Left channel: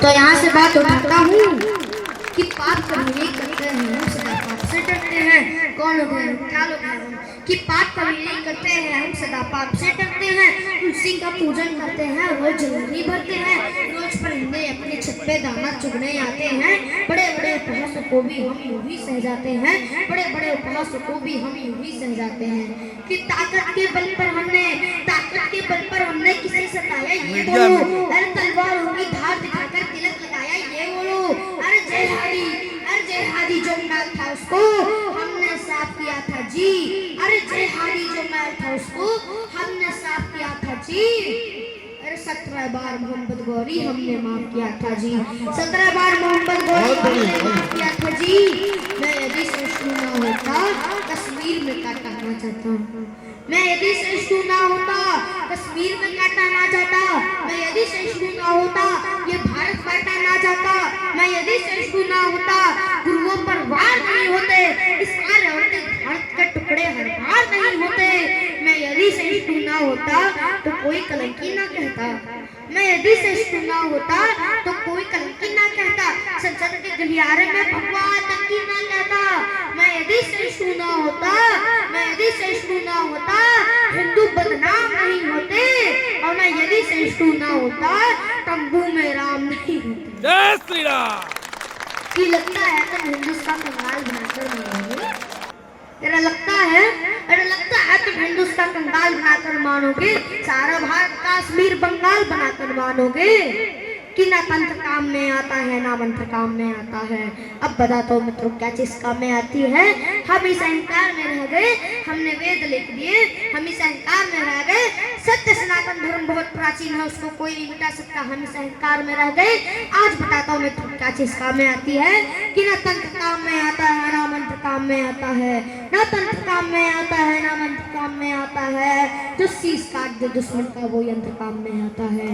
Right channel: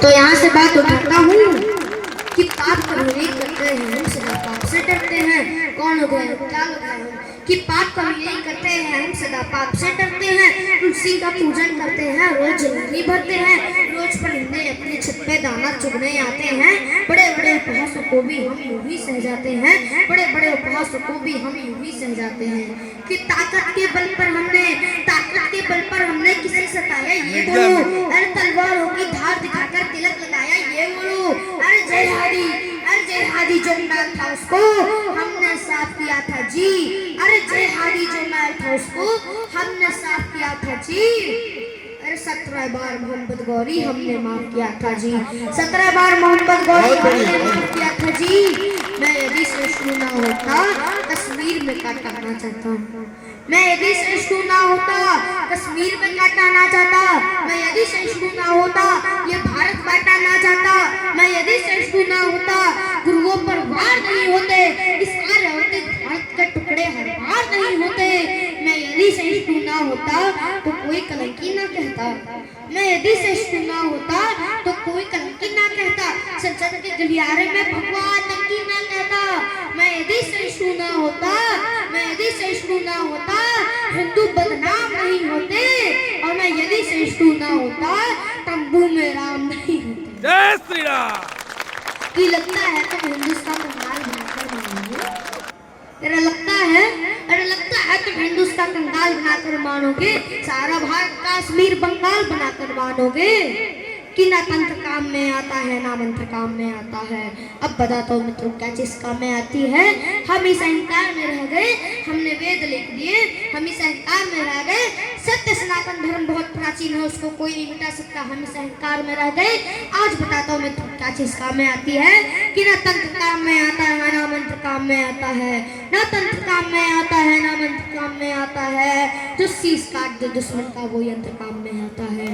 तो यहाँ से बात उठाता हूँ कि पाप कभी नहीं करते हैं, हम सदा पाप से डरते हैं। कौन लोग हैं, क्या लोग हैं हम, कि पाप कभी नहीं करते हैं, हम सदा पाप से डरते हैं। तुलसी का पूजन करते हैं, रोज जलेबी भरते हैं, रोज परिंदे अपने छत पे दाना चुगने आते हैं। बड़े बड़े उपहासों को भी हम यूं ही सह जाते हैं, बड़े बड़े उपहासों को भी हम यूं ही सह जाते हैं। कि ताकत के बल पर हमने किसे सताया ये बोलो, अरे तलवार होगी धार दिखाकर तिलक लगाया ये बोलो। अरे जय हादी जो नाल था उसको हमने साफ किया था जी, अरे जय हादी जो नाल था उसको हमने साफ किया था जी। अरे 17 बार मोहम्मद गौरी हमने माफ किया था जी, 17 बार मोहम्मद गौरी हमने माफ किया था जी। मैं यदि सृष्टि ना होता कश्मीर में काटा ना चाहता, मैं यदि सृष्टि ना होता कश्मीर में काटा ना चाहता, मैं यदि सृष्टि ना होता ये भारत बांटा ना चाहता, मैं यदि सृष्टि ना होता गुरुओं पर वार नहीं होते, इस कार्य होते भारत के टुकड़े हर बार नहीं होते। मैं यदि सृष्टि ना होता तो कोई कलंकी ना कहता, मैं यदि सृष्टि ना होता तो कोई कलंकी ना कहता, संसद के गलियारे में भगवान नंकी ना कहता। मैं यदि सृष्टि ना होता, मैं यदि सृष्टि ना होता हिंदू बदनाम नहीं होते, और मैं यदि सृष्टि ना होता तंबू में राम नहीं होते। जय श्री राम। कि लगता है तुम हिंदुस्तान का गाल बनाकर मानोगे, तेरा लगता है तुम हिंदुस्तान का गाल बनाकर मानोगे, सारा भारत कश्मीर बंगाल बनाकर मानोगे कि ना तंत्र काम में आता है ना मंत्र काम में आता है। अब बता दो मित्रों क्या चीज काम में आती है। हम इस अहंकार में रह गए, हमने वेद लिख दिए, हम इस अहंकार में रह गए। सत्य सनातन धर्म बहुत प्राचीन है, उसको कोई नहीं मिटा सकता, हम इस अहंकार में रह गए। आज बताता हूँ मित्रों क्या चीज काम में आती है कि ना तंत्र काम में आता है ना मंत्र काम में आता है, ना तंत्र काम में आता है ना मंत्र काम में आता है। जो शीश काट दे दुश्मन का वो यंत्र काम में आता है,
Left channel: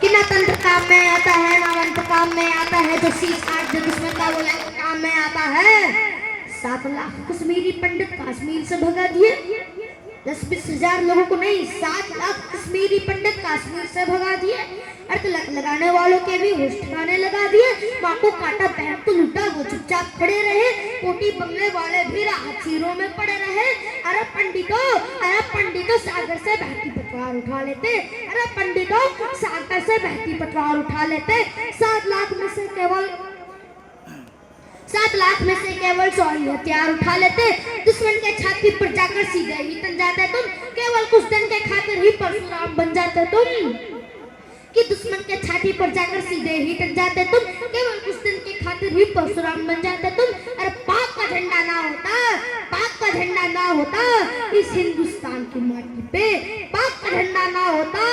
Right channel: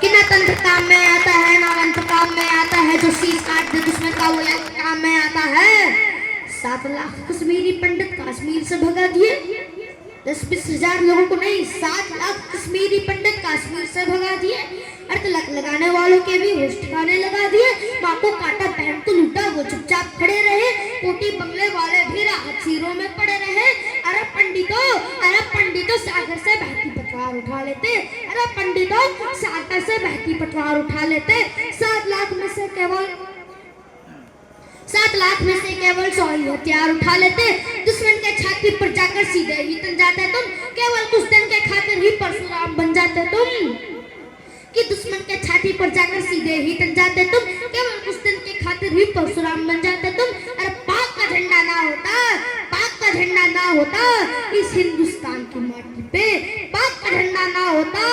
कि ना तंत्र काम में आता है ना मंत्र काम में आता है। जो शीश काट दे दुश्मन का वो यंत्र काम में आता है। 7 लाख कश्मीरी पंडित कश्मीर से भगा दिए, 10-20 हजार लोगों को नहीं, 7 लाख कश्मीरी पंडित कश्मीर से भगा दिए। अर्थ लगाने वालों के भी होश ठिकाने लगा दिए। माँ को काटा पहन तो लूटा वो चुपचाप खड़े रहे, कोटी बंगले वाले भी राहत शिविरों में पड़े रहे। अरे पंडितों सागर से बहती पतवार उठा लेते, अरे पंडितों सागर से बहती पतवार उठा लेते। 7 लाख में से केवल 100 ही हथियार उठा लेते। दुश्मन के छाती पर जाकर सीधे ही तन जाते तुम, केवल कुछ दिन के खातिर ही परशुराम बन जाते तुम। कि दुश्मन के छाती पर जाकर सीधे ही तन जाते तुम, केवल कुछ दिन के खातिर ही परशुराम बन जाते तुम। अरे पाक का झंडा ना होता इस हिंदुस्तान की माटी पे, पाक का झंडा ना होता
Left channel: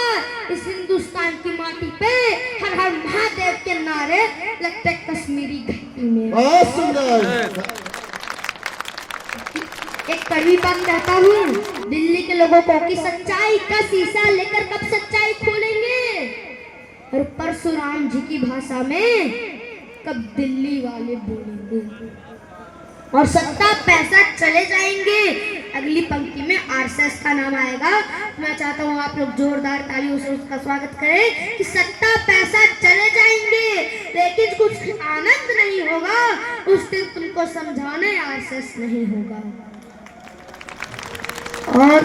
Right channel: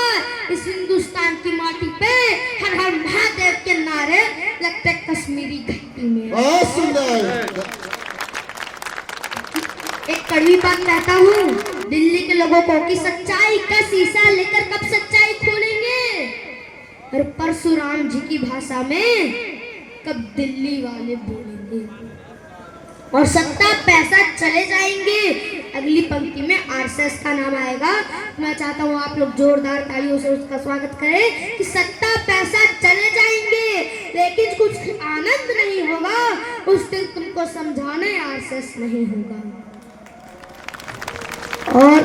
इस हिंदुस्तान की माटी पे, हर हर महादेव के नारे लगते कश्मीरी घाटी में। बहुत सुंदर। एक कड़वी बात कहता हूँ दिल्ली के लोगों को कि सच्चाई का शीशा लेकर कब सच्चाई खोलेंगे, और परशुराम जी की भाषा में कब दिल्ली वाले बोलेंगे, और सत्ता पैसा चले जाएंगे। अगली पंक्ति में आरएसएस का नाम आएगा। मैं चाहता हूँ आप लोग जोरदार तालियों से उसका स्वागत करें कि सत्ता पैसा चले जाएंगे लेकिन कुछ आनंद नहीं होगा, उस दिन तुमको समझाने आरएसएस नहीं होगा। और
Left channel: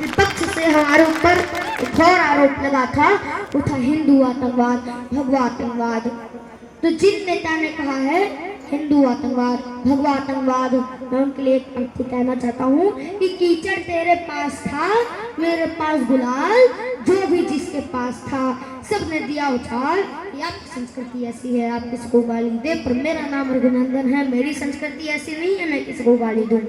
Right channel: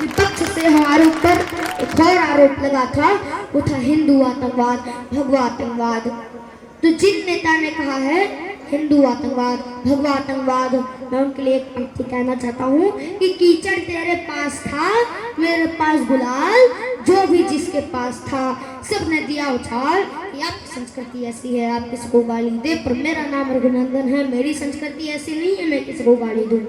विपक्ष से हमारे ऊपर एक और आरोप लगा था, वो था हिंदू आतंकवाद, भगवा आतंकवाद। तो जिन नेता ने कहा है हिंदू आतंकवाद, भगवा आतंकवाद, मैं उनके लिए एक पंक्ति कहना चाहता हूँ कि कीचड़ तेरे पास था मेरे पास गुलाल, जो भी जिसके पास था सबने दिया उछाल। आपकी संस्कृति ऐसी है आप किसी को गाली दे, पर मेरा नाम रघुनंदन है, मेरी संस्कृति ऐसी नहीं है मैं किसी को गाली दूं।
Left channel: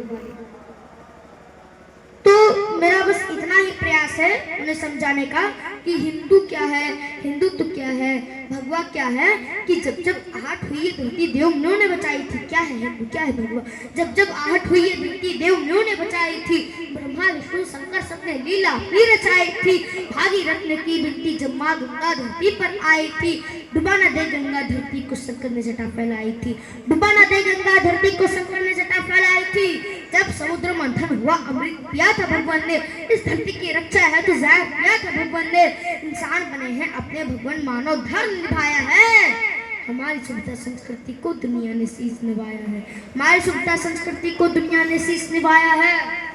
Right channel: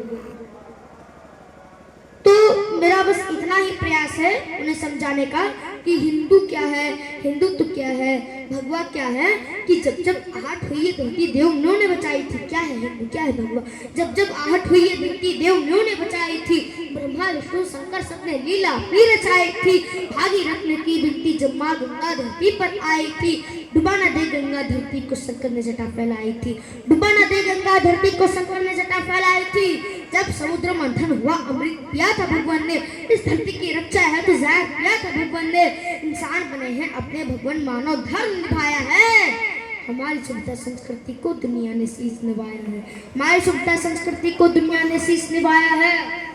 तो मेरा बस इतना ही प्रयास है उन्हें समझाने का कि हिंदू क्या है, हिंदुत्व क्या है, भगवा क्या है। कि जब जब आहट हुई है धरती देव म्यों ने बचाई थी, क्या है हिंदू क्या है भगवा। जब जब आहट हुई है धरती देव म्यों ने बचाई थी, ब्रह्मा विष्णु शंकर सबने लीला ही रचाई थी। भागीरथ ने की विनती जब माँ गंगा धरती पर आई थी, डुबा न दे गंगा धरती को शंकर ने जटा फैलाई थी, डुबा न दे गंगा धरती को शंकर ने जटा फैलाई थी। जब समुद्र मंथन हुआ, अमृत पिया था भगवान ने, इस धरती की रक्षा है तो जहर पिया था भगवान ने। इंसान बने हैं अपने भगवान, मानव धर्म निभाया है। हमारी सभ्यता संस्कृति को दुनिया ने शीश निभाया है, हमारी सभ्यता संस्कृति को दुनिया ने शीश निभाया है।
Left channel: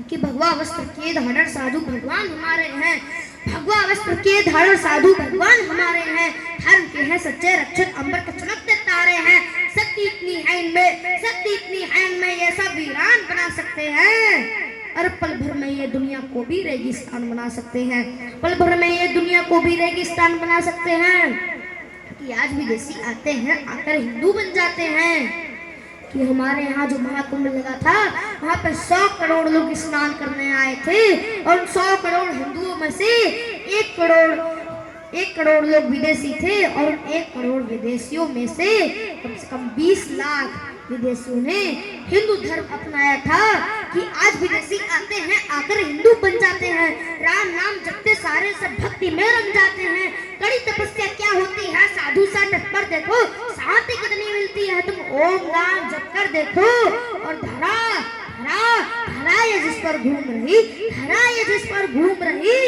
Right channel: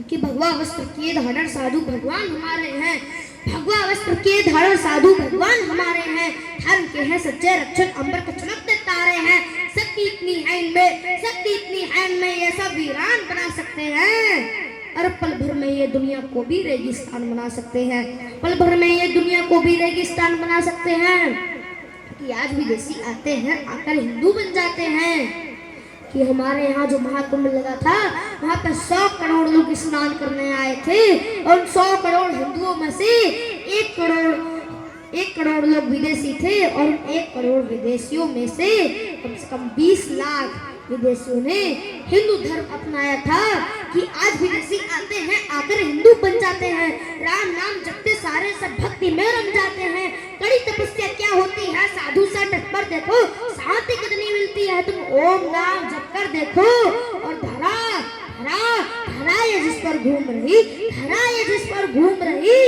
कि भगवा वस्त्र के धारण साधु भगवान हमारे हैं, भगवा वस्त्र के धारण साधु भगवान हमारे हैं। धर्म के हैं सच्चे रक्षक, अंबर के चमकते तारे हैं। शक्ति इतनी है इनमें, शक्ति इतनी है इनमें, ये सब वीरान बना सकते हैं। और पल भर में ये दुनिया को भी रेगिस्तान बना सकते हैं, पल भर में ये दुनिया को भी रेगिस्तान बना सकते हैं। कि आज विदेशी आते हैं, आकर हिंदू बन जाते हैं। कि हमारे यहाँ जो महाकुंभ लगा था, वहाँ पर 100 करोड़ लोग स्नान करने आए थे, और 100 करोड़ हिंदुओं में से 1 करोड़ लोग विदेशी थे, और 1 करोड़ विदेशियों में से कम 20 लाख विदेशियों ने हिंदू धर्म अपनाया था। कि आज विदेशी आते हैं, आकर हिंदू बन जाते हैं, राम नाम जपते सारे सब भक्ति में रम जाते हैं। कड़ी तपस्या क्या होती है, साधु सा तट पर देखो, शांति कितनी मिलती है। तुम ओम नाम जप कर देखो, और धरा धरा धरा ये जिस पर घूम रही, धरा ये जिस पर घूम रही,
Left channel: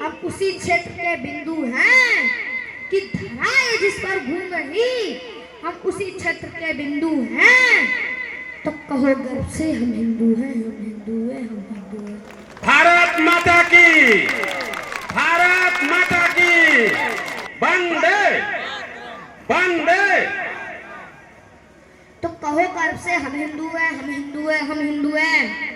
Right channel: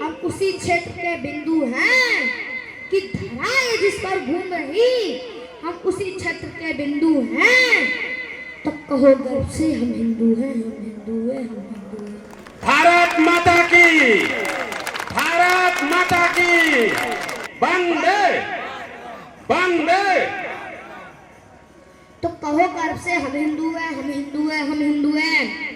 हम उसी क्षेत्र के बिंदु हैं। कि धरा ये जिस पर घूम रही, हम उसी क्षेत्र के बिंदु हैं। तो कहो गर्व से हम हिंदू हैं, हम हिंदू हैं, हम हिंदू हैं। भारत माता की, भारत माता की, वंदे वंदे। तो कहो गर्व से हम हिंदू हैं, हम हिंदू हैं, हम हिंदू हैं।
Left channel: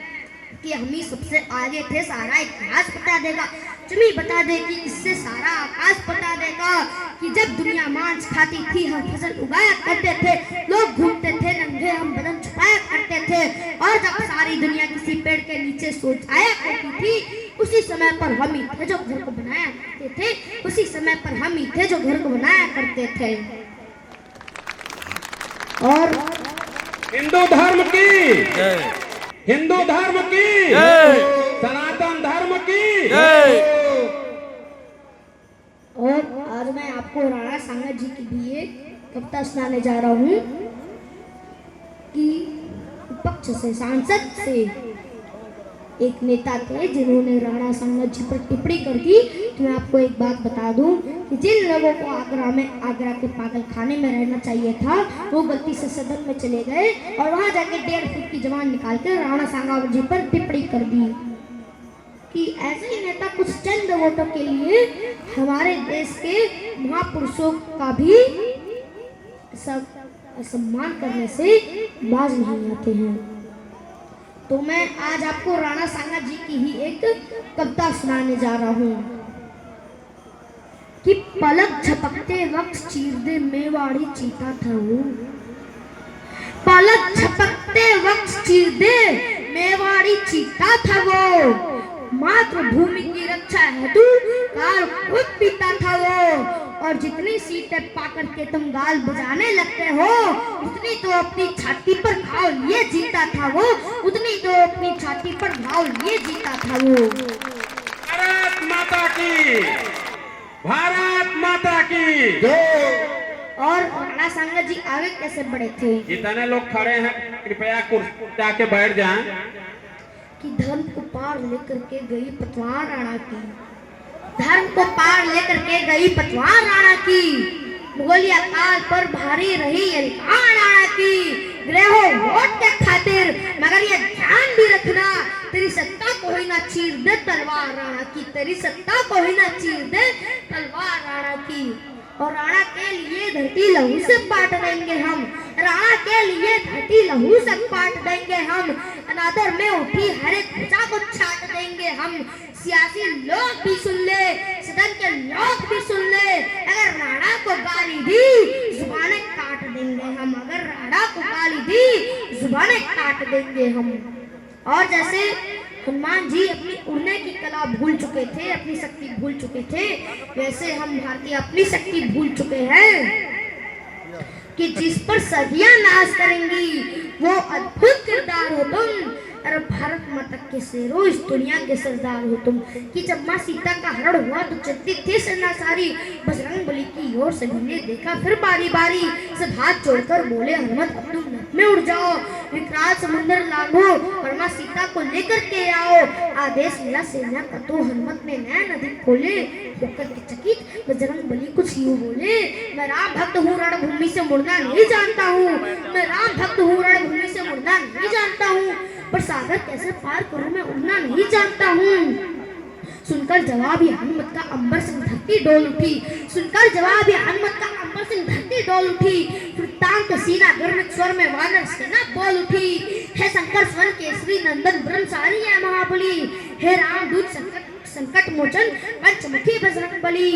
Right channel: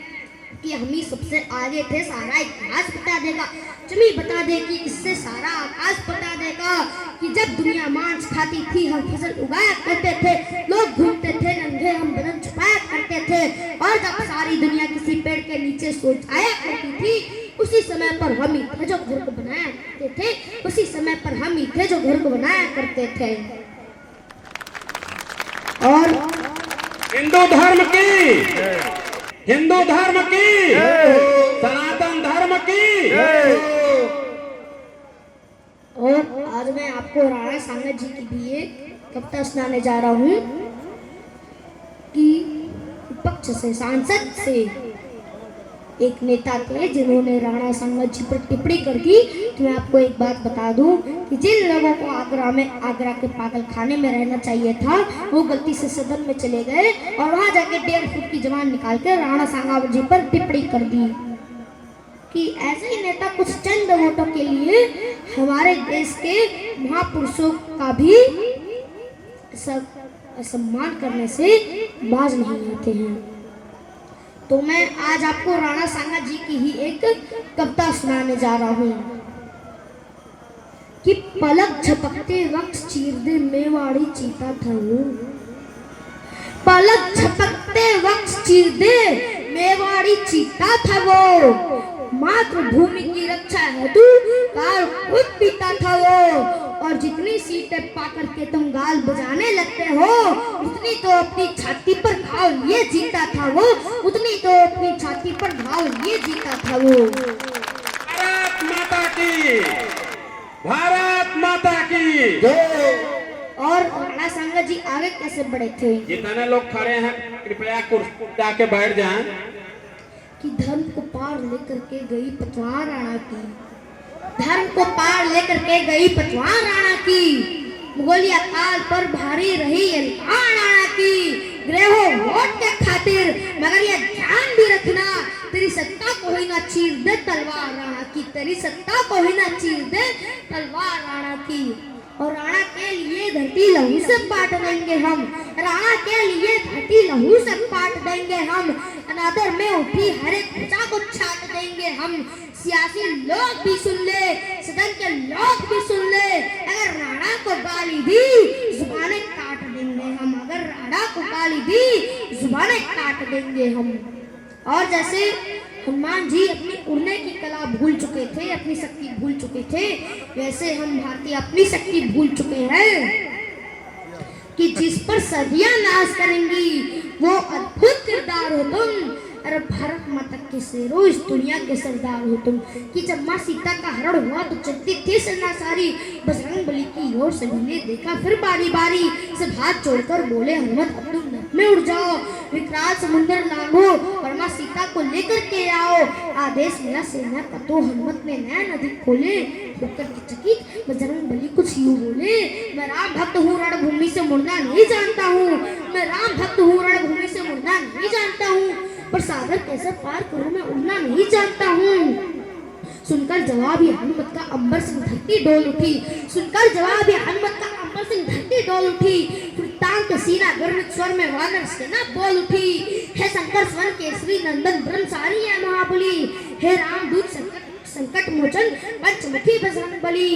कि हम ही सबसे आगे थे, सारा इतिहास बता देगा, चमी बता देगी, इससे सारा आकाश बता देगा। कि जब दुनिया मांस खाती थी, हम फसल उगाया करते थे, लोग घूमते थे नंगे, हम बदन छुपाया करते थे। और जब सारी दुनिया किसी पेड़ के नीचे सो जाया करती थी, उसी समय पर हम ही थे जो घर को बनाया करते थे, उसी समय पर हम ही थे जो घर को बनाया करते थे। और हिंदू धर्म की, हिंदू धर्म की, सनातन धर्म की। और आज मैं आपको राणा सांगा जी की भी एक कविता सुनाने जा रहा हूँ। कि विपक्ष से, सांसद से एक नेता थे जिन्होंने राणा सांगा जी पर टिप्पणी कर दी। तो मैं आपको एक बात बता दूं कि जिन लोगों को आगरा के पागल खाने में रहना चाहिए था, वो गलती से सदन में चले गए और वहां जाके 1.5 फुट की जबान निकाल कर राणा सांगा जी पर टिप्पणी कर दी। कि ऐसे ही नेता कुछ चंद वोटों के लिए हमारे देश के महापुरुषों का भी सम्मान करने से बाज नहीं आते हैं। तो मैं आज आपको राणा सांगा जी की ही एक कविता सुनाने जा रहा हूँ। कि पलक झपकते वक्त चीर दे मेवाड़ी चीता था वो, पलक झपकते वक्त चीर दे मेवाड़ी चीता था वो, मातृभूमि की रक्षा हेतु काल खुद पीता था वो। और जितनी सीटें पाकर के तुम गाल बजाने लगते हो, उतनी तो अपनी छाती पर घाव लिए जीता था वो, उतनी तो अपनी छाती पर घाव लिए जीता था वो। भारत माता की, भारत माता की। और राणा सांगा जी आगे कैसे बढ़े थे? जितने लोग खड़े हैं कृपया कुर्सी जाके बैठ जाएं। कि धर्म को पार लेकर के गई पतवार राणा की, धर्म को पार लेकर के गई पतवार राणा की, मुगलिया काल पर भारी रही ये राणा की। ग्रहों वोट के खातिर, मगर ये ध्यान भी रखना, तेरी सत्ता को ही ना चीर दे तलवार राणा की, तेरी सत्ता को ही ना चीर दे तलवार राणा की। और राणा के लिए धरती लहू से पाट देंगे हम, राणा के लिए धरती लहू से पाट देंगे हम, अनादर में उठी हर एक प्रजा को छाट देंगे हम। सियासी लोग भी सुन ले, सदन के लोग भी सुन ले, अगर राणा को गाली दी जुबानें काट देंगे हम, अगर राणा को गाली दी जुबानें काट देंगे हम। और जैसे हनुमान जी अपनी उड़ने की कला भूल चुके थे, अपनी शक्ति भूल चुके थे, वैसे हम भारतीय अपनी शक्ति भूल चुके हैं। कि जिस पर सदियां नाश करेंगी वो अद्भुत किरदार हो तुम, अरे भारत माता के शेरों इस दुनिया के सरदार हो तुम। कि जब माँ सीता का हरण हुआ तो चलती थी सेना सारी, बजरंग बली की ओर सभी ने देखा फिर बारी बारी, सब हाथ जोड़कर बोले हनुमत अब्दुल में उड़ जाओ, विकराल समुद्र लांघो, वरना सीता को लेकर के आओ। आदेश मिला सेना का तो हनुमत ने नैन अधिक खोले, होकर के चकित बजरंग बली कुछ यूं बोले, मैं राम भक्त हूँ रणभूमि से मुड़ना नहीं जानता हूँ, मैं राम भक्त हूँ रणभूमि से मुड़ना नहीं जानता हूँ, पर सागर कैसे पार करूँ मैं उड़ना नहीं जानता हूँ। सुनकर जवाब ये हनुमत का अंबर से धरती डोल उठी, सुनकर जवाब ये हनुमत का अंबर से धरती डोल उठी। फिर तांग के सीना गर्वित स्वर में वानर सेना बोल उठी, हे शंकर स्वर केसरी नंदन ब्रह्मचारी है महाबली, हे राम दूत संकट मोचन पंचमुखी बजरंग बली।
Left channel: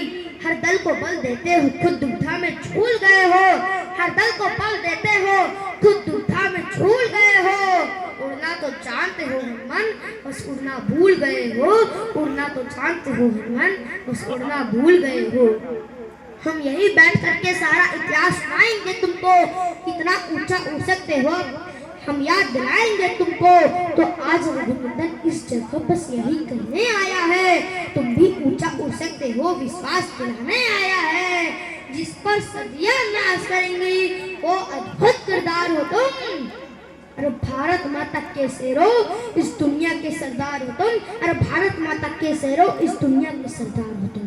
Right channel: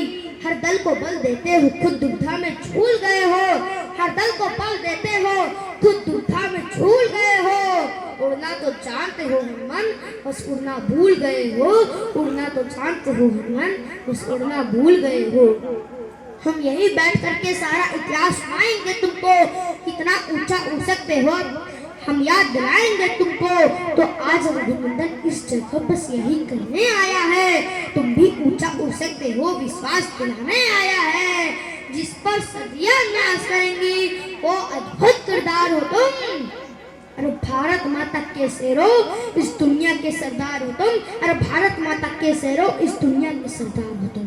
हर दल को बल देते हो खुद दुविधा में झूल गए हो, हर दल को बल देते हो खुद दुविधा में झूल गए हो। उड़ना तो जानते हो हनुमान, बस उड़ना भूल गए हो, उड़ना तो जानते हो हनुमान, बस उड़ना भूल गए हो। हम यही बैठ करके सारा इतिहास सुनाएंगे तुमको, कितना ऊंचा उड़ सकते हो हम याद दिलाएंगे तुमको। तो आज रघुनंदन इस जगह बस यही करने आया है, तुम भी ऊंचा उड़ सकते हो विश्वास दिलाने आया है। जिस पर सदियां नाश करेंगी वो अद्भुत किरदार हो तुम, अरे भारत माता के शेरो इस दुनिया के सरदार हो तुम, अरे भारत माता के शेरो इस दुनिया के सरदार हो तुम।